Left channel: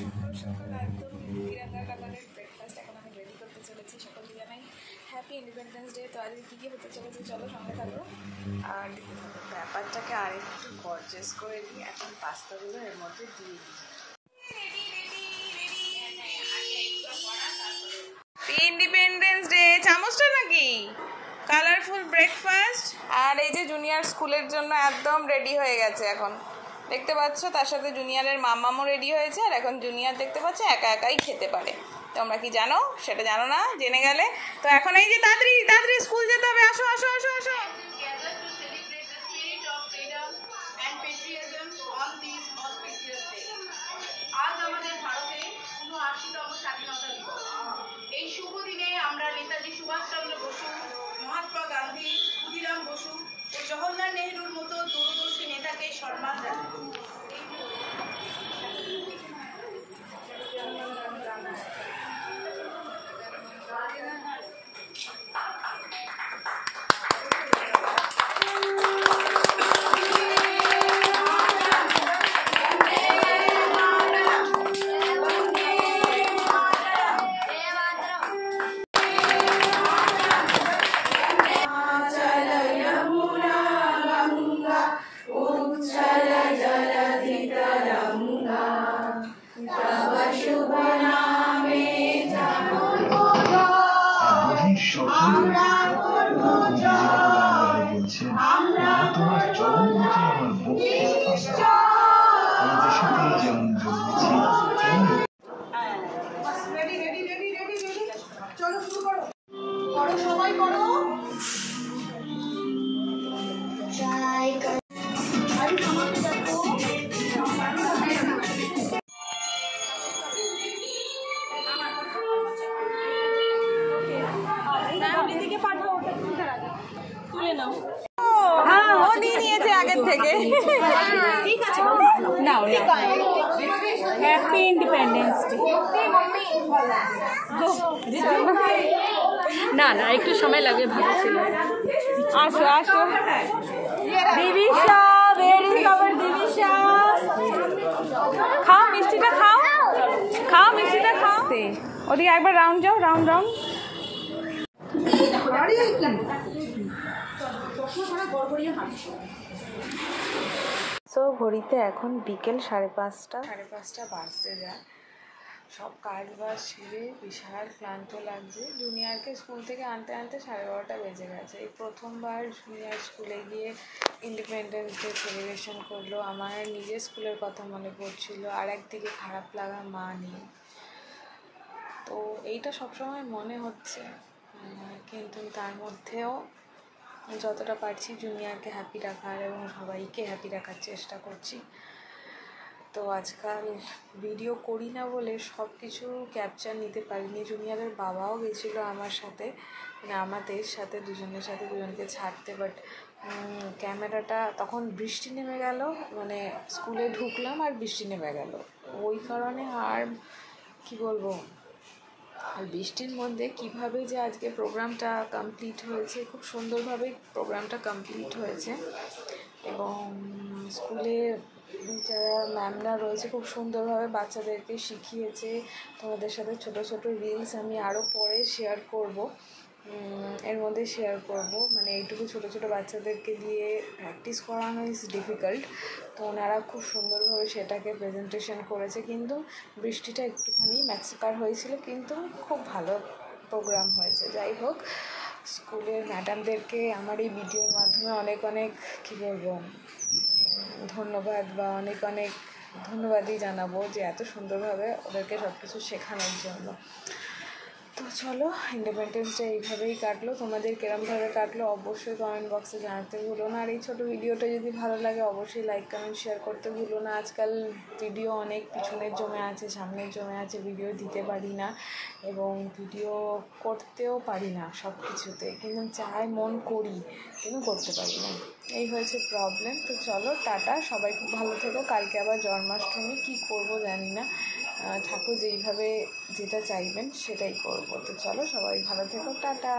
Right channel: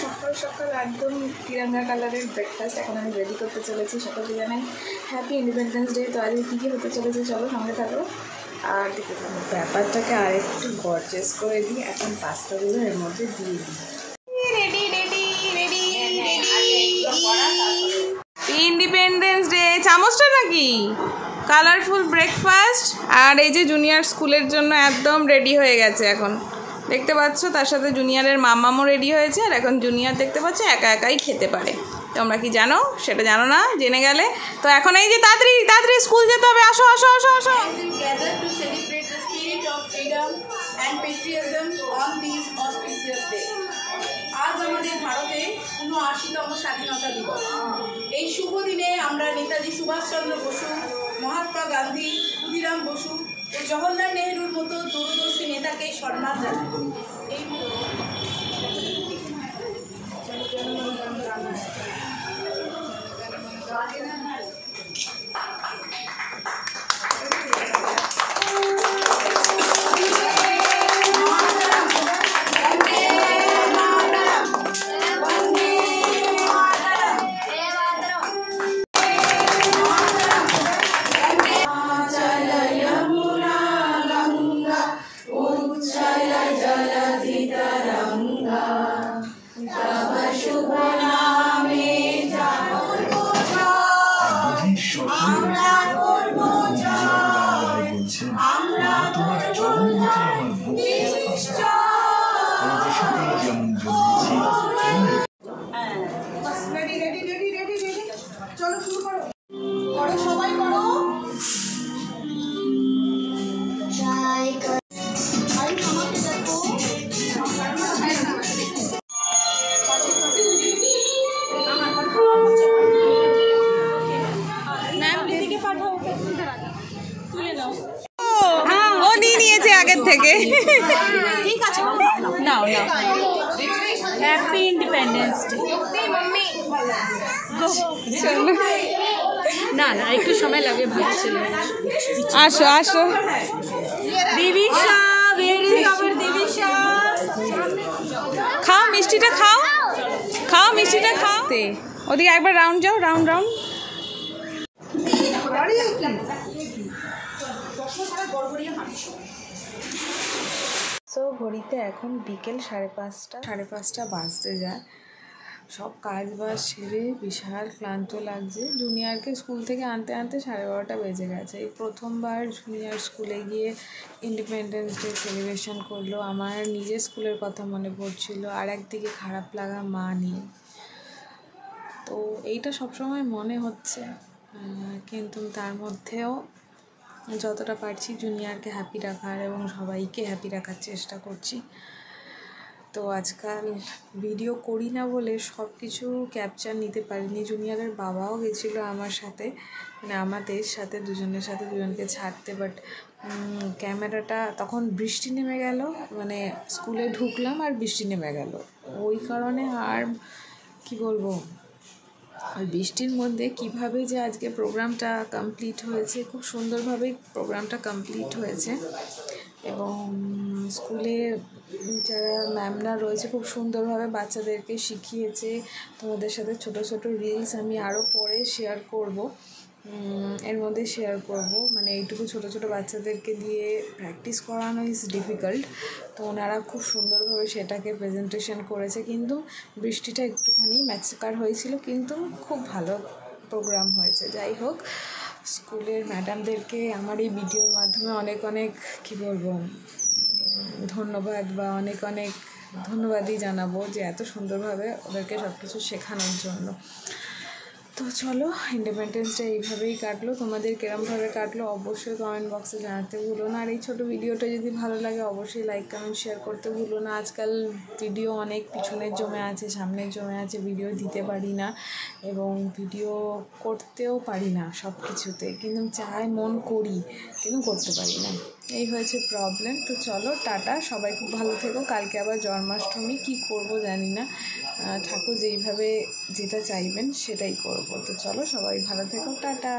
সকাল সকাল একদম তিরঙ্গা কালারের ব্রেকফাস্ট এখন আমি রেডি করতে চলেছি। সকলকে জানাই হ্যাপি ইন্ডিপেন্ডেন্স ডে। তো আজকে কী কী হতে চলেছে চলো সঙ্গে থাকো। আর ব্যাপারটাকে আরেকটু গর্জেস করে দিই। এখন পাস্তাগুলো এর মধ্যে দিয়ে দিই। Ready ready ready independence day. চামচটা নাকি কালারফুল ব্রেকফাস্ট। আর এই যে জুনিয়র স্কুলের জন্য একদম রেডি হয়ে গেছে এখন দেখতে পাচ্ছ। তার সাথে জুনিয়রের মামামও রেডি হয়েছে। আর এখন জুনিয়র দেখতে পাচ্ছ একা একাই খেতে পারে। তোমরা কি জানো? সেটা জানো না, জেনে গেলে। তো এখন এই যে তাড়াতাড়ি তাড়াতাড়ি স্কুল যেতে হবে। আসো আসো আসো আসো। আজ আমাদের ভারতে ৭৯তম স্বাধীনতা দিবস। এই শুভ দিনে আমরা নেতাজি সুভাষচন্দ্র বসু, মহাত্মা গান্ধী, ক্ষুদিরাম বসু ও জওহরলাল নেহরুর মতো দূরদর্শী নেতাকে সম্মান জানাই। চলো শুরু করো, করো সবাই করো। ও দিয়ে নিয়েছে আগের থেকে। ঠিক আছে, নাও হ্যাপি ইন্ডিপেন্ডেন্স ডে। না না একটু সময় লাগে, ভালো ছিল। আসো আসো দিবিশা, where is our দিবিশা? খাও মিষ্টিটা খাও, খাও মিষ্টিটা খাও। ওদিকে একবার রাউন্ড যাও, রাউন্ড রাউন্ড। সো ঘড়িতে এখন বিকেল 5:30 বাজতে যায়। সব কাজ বাজ সেরে বিশাল ক্লান্ত লাগছে। জুনিয়রকে স্কুল থেকে আনতে আনতে 12:30 বেজে গেছে। এই প্রথমবার জুনিয়র স্কুলে গিয়ে ইন্ডিপেন্ডেন্স ডে সেলিব্রেশন করলো। আমার নিজের স্কুলের কথা মনে পড়ছিল, আর একদিকে খারাপ লাগা মা নিয়ে। তো এইটা সবসময় মনে হচ্ছে, কিন্তু তার মধ্যেও যতটা পারছি জুনিয়রকে হ্যাপি রাখার এবং সবাইকে হ্যাপি রাখার চেষ্টা করছি। তো আজকাল ভিডিও করি না বলে সব কিছু ক্যাপচার নিতে পারিনি। জুনিয়রের বাবাও গেছিলো আমার সাথে, মানে আমাদের সাথে দুজনকে ছাড়তে। বাট ক্যামেরাটা তখন বৃষ্টি নেমে গেল, মানে স্কুলে ঢুকলাম আর বৃষ্টি নেমে গেল। ওই কারণে আর কি বলবো, ওই বৃষ্টির মধ্যে কিভাবে যে আজকে প্রোগ্রামটা কমপ্লিট হয়েছে, খুব সুন্দরভাবেই প্রোগ্রামটা কমপ্লিট হয়েছে। এবং স্কুলে যারা ম্যামরা রয়েছে খুব সুন্দরভাবে বাচ্চাদেরকে শিখিয়েছে। তোমাদের সাথে ছোট ছোট রিলস আমি আরও পরে শেয়ার করব, এর মধ্যে শেয়ার করব। মানে এইটুকু ছোট ছোট বাচ্চাদেরকে দিয়ে প্র্যাকটিস করানো ইজ ডিফিকাল্ট। তো ওনারা খুব সুন্দরভাবে সেটাকে প্রেজেন্টেশন করেছে। কিন্তু বৃষ্টিটা একটুখানি ম্যাক্সিকার হয়েছিল, কিন্তু খুব ভালো প্রোগ্রাম হয়েছে। যাই হোক, স্কুলের ম্যাডামদেরকে আমার এই ভিডিওর মাধ্যমে অনেক অনেক কী বলবো ধন্যবাদ, বা অনেক অনেক ধন্যবাদই জানাবো যে এত সুন্দরভাবে ওদেরকে সব কিছু শেখানোর জন্য। তো চলো, ইন্ডিপেন্ডেন্স ডে এইভাবেই কাটলো। তোমাদের কিরমভাবে কাটলো অবশ্যই কমেন্ট বক্সে জানাতে ভুলো না। আর এই ছোটো ভিডিওটা যদি ভালো লাগে অবশ্যই লাইক কমেন্ট শেয়ার করতে ভুলো না। আজকাল ভিডিও অনেক পিছনের জমে আছে, সামনের জমে আছে, ভিডিও দিতে পারি না এবং ভিডিও করতেও পারি না সব কিছুতে, কিন্তু চাই মন করি কিন্তু করতে পারি না। এই হয়েছে প্রবলেম। তো চলো টাটা, সবাই খুব ভালো থেকো। কালকে আবার জন্মাষ্টমী, কী করবো জানি না, ঠাকুর যেইভাবে যেটা চাইবেন সেটাই করব। তো চলো সবাই ভালো থেকো, টাটা।